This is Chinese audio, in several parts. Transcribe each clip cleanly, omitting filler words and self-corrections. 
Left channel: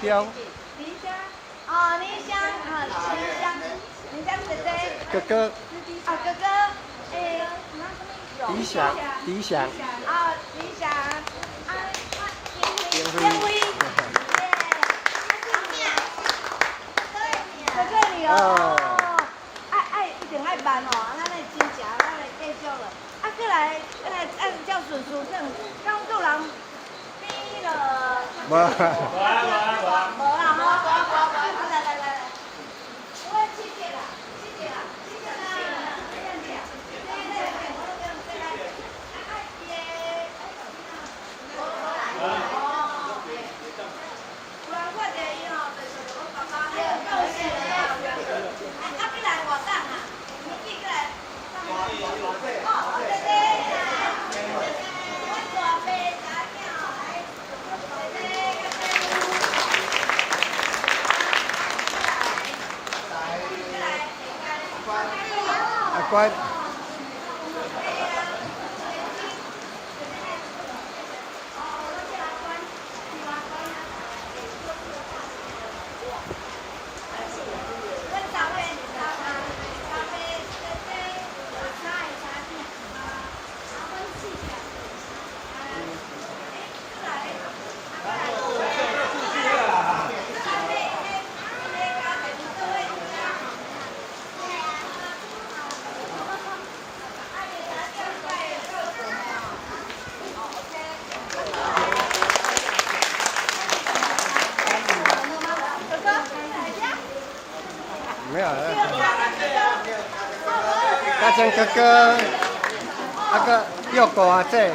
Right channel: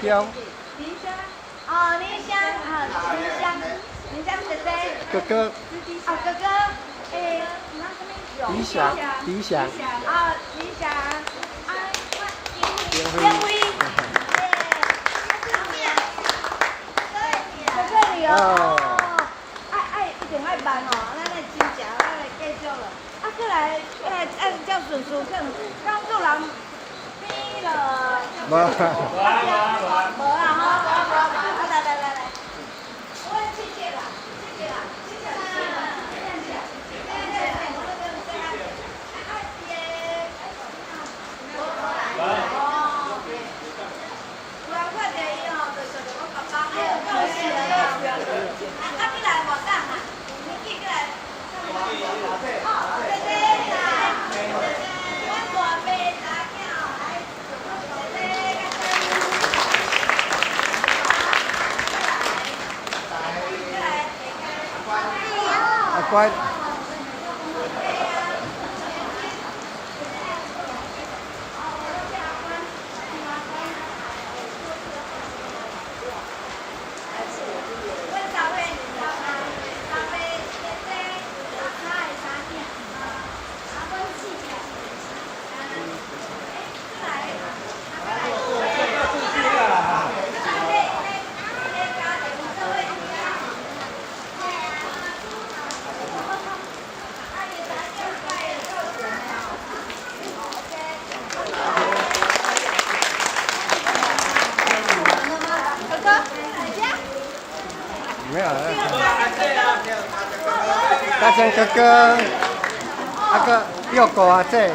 标。林香，哦，林香，啊，林香，林香姐姐。哥哥。哦，哥哥，诶，那什么？理想，理想。啊，理想，啊，烟灰，耶，在这里哦。一定爱办哦，咱来真正，咱来继续了。啊，过来，按照顺序，刚做人比了。无。无啦哈。啊，来，我来谢谢啦，谢谢啦，谢谢啦。有人看电影哦，就想着我爸爸，哎呦，够死啦！啊，你来活动啊？你记过来。哦，对对，我大伯大囝来，啊乖。没有了。大江哥哥，那个六个啊这。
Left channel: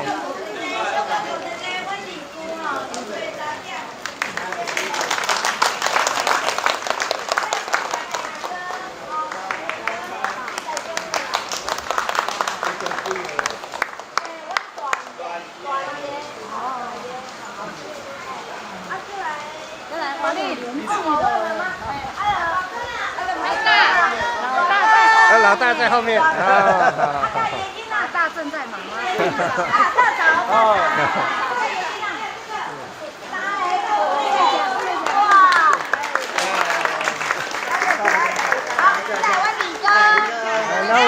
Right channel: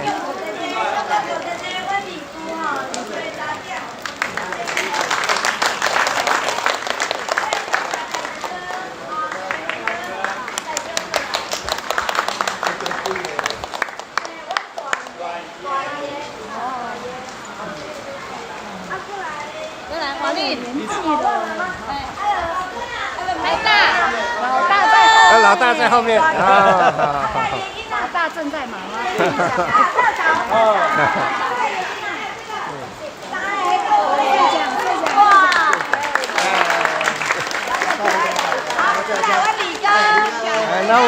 老大在后面啊！老大正在忙啊。然后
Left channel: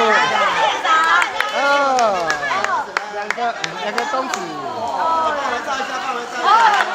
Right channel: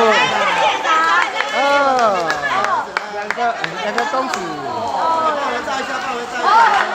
两个公子。帮我照一下，帮我照一下。